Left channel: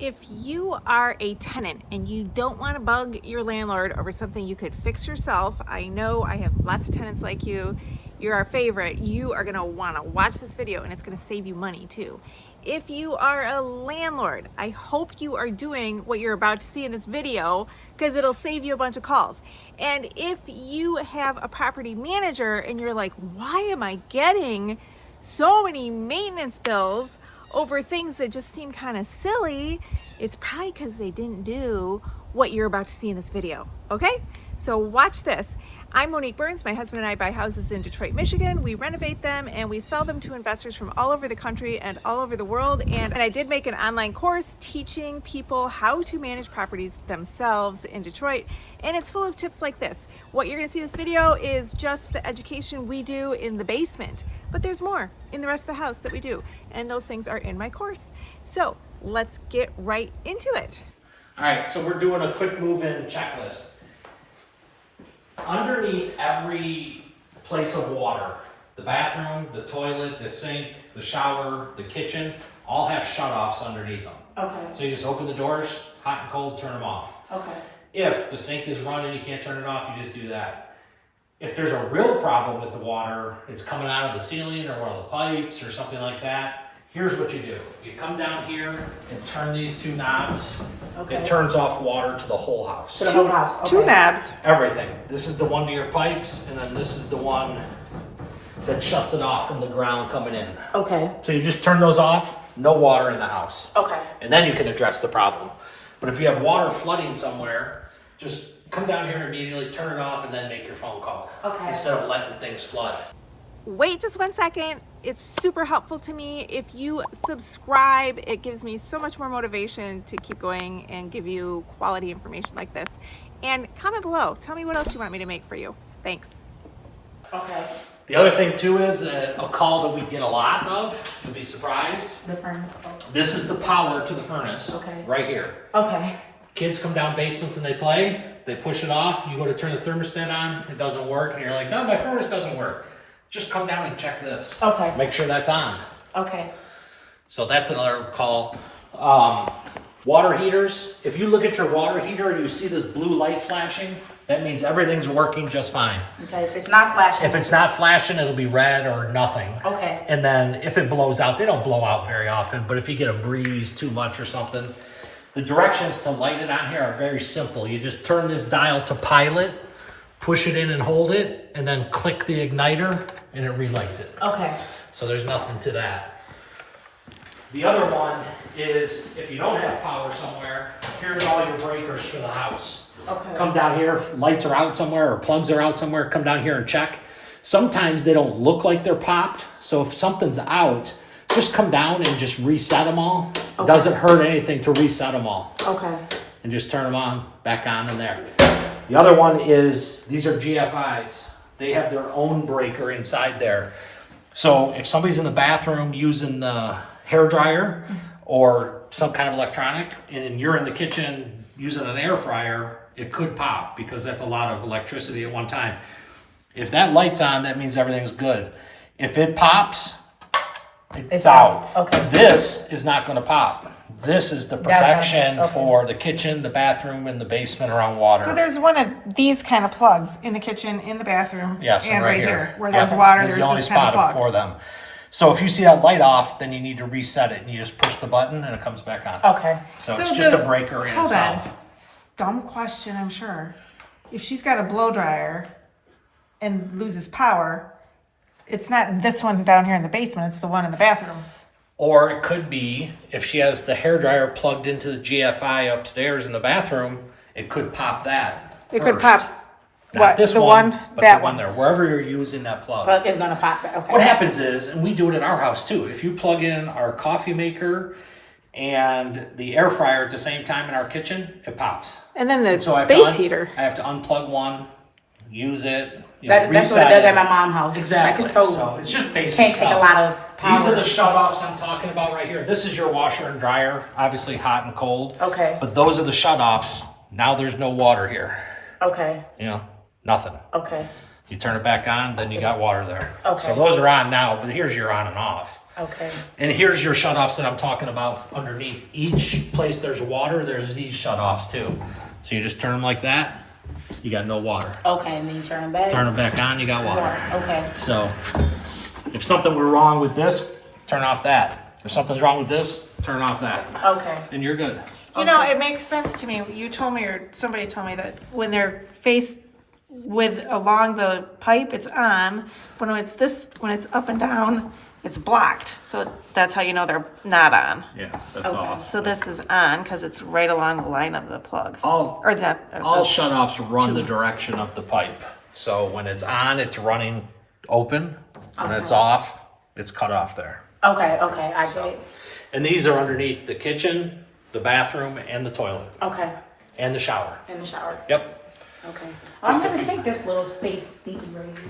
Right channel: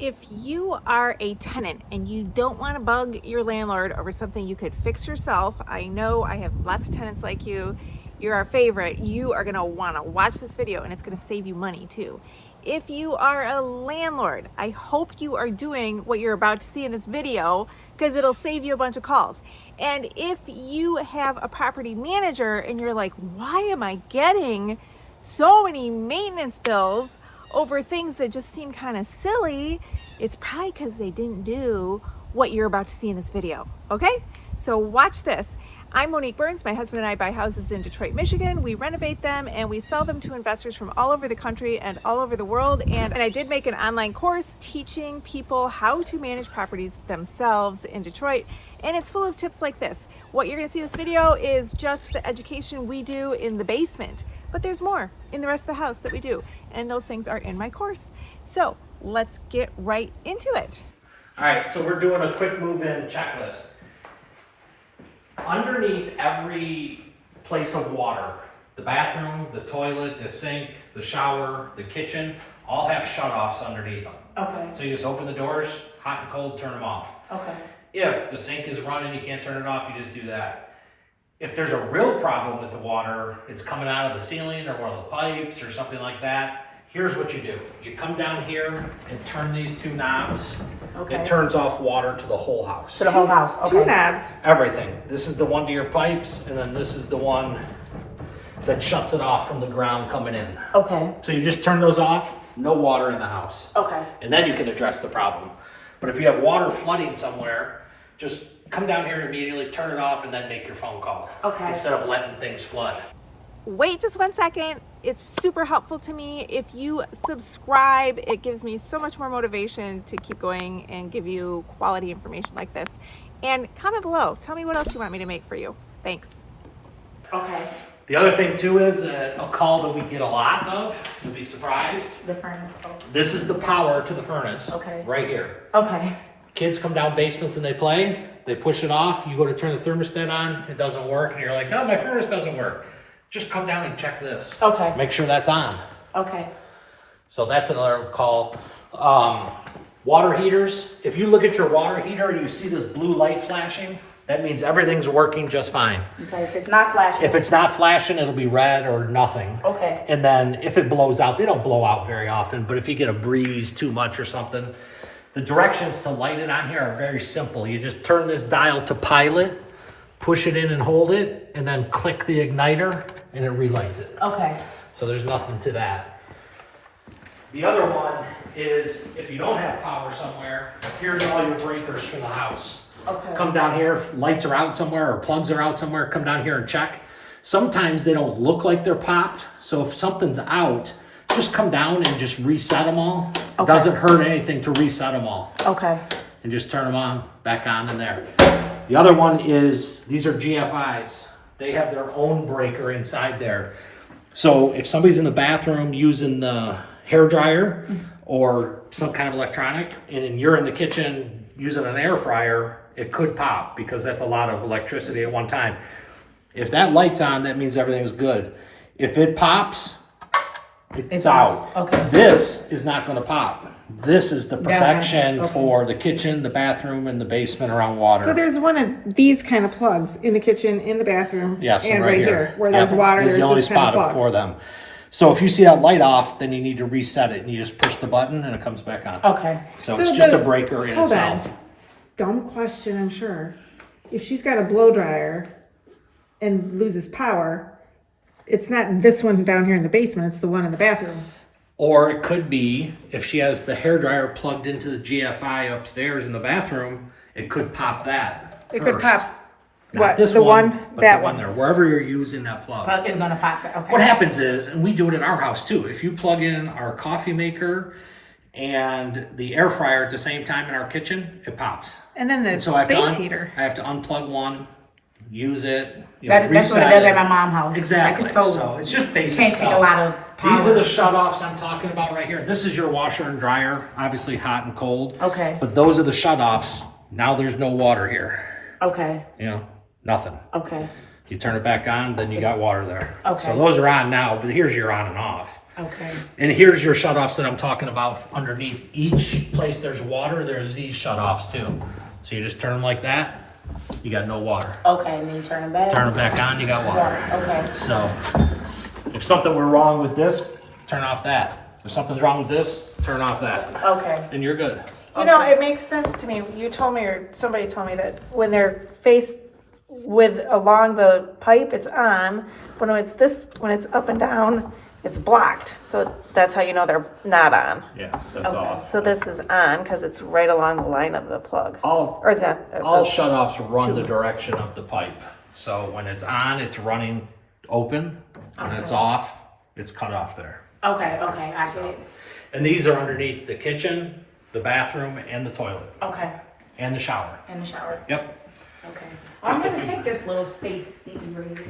If you are a tenant and you don't want to bug your landlord over something you could fix yourself, I know I have lots of tenants like you. You're our favorite. You are going to want to watch this video and it's going to save you money too. If you are a landlord, I hope you are doing what you're about to see in this video because it'll save you a bunch of calls. And if you have a property manager and you're like, why am I getting so many maintenance bills over things that just seem kind of silly, it's probably because they didn't do what you're about to see in this video, okay? So watch this. I'm Monique Burns. My husband and I buy houses in Detroit, Michigan. We renovate them and we sell them to investors from all over the country and all over the world. And I did make an online course teaching people how to manage properties themselves in Detroit. And it's full of tips like this. What you're gonna see in this video is just the education we do in the basement, but there's more in the rest of the house that we do. And those things are in my course. So let's get right into it. All right, so we're doing a quick move-in checklist. Underneath every place of water, the bathroom, the toilet, the sink, the shower, the kitchen, all have shutoffs underneath them. Okay. So you just open the doors, hot and cold, turn them off. Okay. If the sink is running, you can't turn it off, you just do that. If there's a real problem with the water, it's coming out of the ceiling or one of the pipes or something like that, here's what you do. You come down here and turn these two knobs. Okay. It turns off water to the whole house. To the whole house. Okay. Two knobs. Everything. This is the one to your pipes, and then this is the one that shuts it off from the ground coming in. Okay. So you just turn those off, no water in the house. Okay. And then you can address the problem. But if you have water flooding somewhere, just come down here immediately, turn it off, and then make your phone call. Okay. Instead of letting things flood. Wait just 1 second. It's super helpful to me. If you subscribe, it gives me so much more motivation to keep going and give you quality information like this. And comment below. Tell me what else you want me to make for you. Thanks. Okay. The other thing too is a call that we get a lot of, you'll be surprised. The furnace. This is the power to the furnace. Okay. Right here. Okay. Kids come down basements and they play, they push it off, you go to turn the thermostat on, it doesn't work, and you're like, oh, my furnace doesn't work. Just come down and check this. Okay. Make sure that's on. Okay. So that's another call. Water heaters, if you look at your water heater and you see this blue light flashing, that means everything's working just fine. Okay. If it's not flashing. If it's not flashing, it'll be red or nothing. Okay. And then if it blows out, they don't blow out very often, but if you get a breeze too much or something, the directions to light it on here are very simple. You just turn this dial to pilot, push it in and hold it, and then click the igniter and it relights it. Okay. So there's nothing to that. The other one is if you don't have power somewhere, here's all your breakers for the house. Okay. Come down here, if lights are out somewhere or plugs are out somewhere, come down here and check. Sometimes they don't look like they're popped, so if something's out, just come down and just reset them all. Okay. Doesn't hurt anything to reset them all. Okay. And just turn them on, back on in there. The other one is, these are GFIs. They have their own breaker inside there. So if somebody's in the bathroom using the hair dryer or some kind of electronic, and you're in the kitchen using an air fryer, it could pop because that's a lot of electricity at one time. If that light's on, that means everything's good. If it pops, it's out. Okay. This is not going to pop. This is the protection Okay. for the kitchen, the bathroom, and the basement around water. So there's one of these kind of plugs in the kitchen, in the bathroom, Yeah, so and right here, where there's Yeah. water, This is there's the only this kind of spot plug. for them. So if you see that light off, then you need to reset it, and you just push the button, and it comes back on. Okay. So it's just a breaker in Hold itself. on. Dumb question, I'm sure. If she's got a blow dryer and loses power, it's not this one down here in the basement, it's the one in the bathroom. Or it could be, if she has the hairdryer plugged into the GFI upstairs in the bathroom, it could pop that It could first. pop, Not what, this the one, one, but that the one one. there, wherever you're using that plug. Plug is gonna pop it. Okay. What happens is, and we do it at our house too, if you plug in our coffee maker and the air fryer at the same time in our kitchen, it pops. And then the So I have to space heater. I have to unplug one, use it, That's what it reset does it. at my mom's house. Exactly. It's like it's So it's just basic can't stuff. take a lot of power. These are the shutoffs I'm talking about right here. This is your washer and dryer, obviously hot and cold. Okay. But those are the shutoffs. Now there's no water here. Okay. You know, nothing. Okay. You turn it back on, then you got water there. Okay. So those are on now, but here's your on and off. Okay. And here's your shutoffs that I'm talking about underneath. Each place there's water, there's these shutoffs too. So you just turn them like that, you got no water. Okay, and then you turn it back. Turn them back on, you got water. Water. Okay. So if something were wrong with this, turn off that. If something's wrong with this, turn off that. Okay. And you're good. You know, it makes sense to me. You told me, or somebody told me, that when they're faced with along the pipe, it's on. But when it's up and down, it's blocked. So that's how you know they're not on. Yeah, that's all. So this is on because it's right along the line of the plug. All Or all shutoffs run the direction of the pipe. So when it's on, it's running open. When it's off, it's cut off there. Okay. Okay. I get it. And these are underneath the kitchen, the bathroom, and the toilet, Okay. and the shower. In the shower. Yep. Okay. I'm gonna sink this little space thingy right here.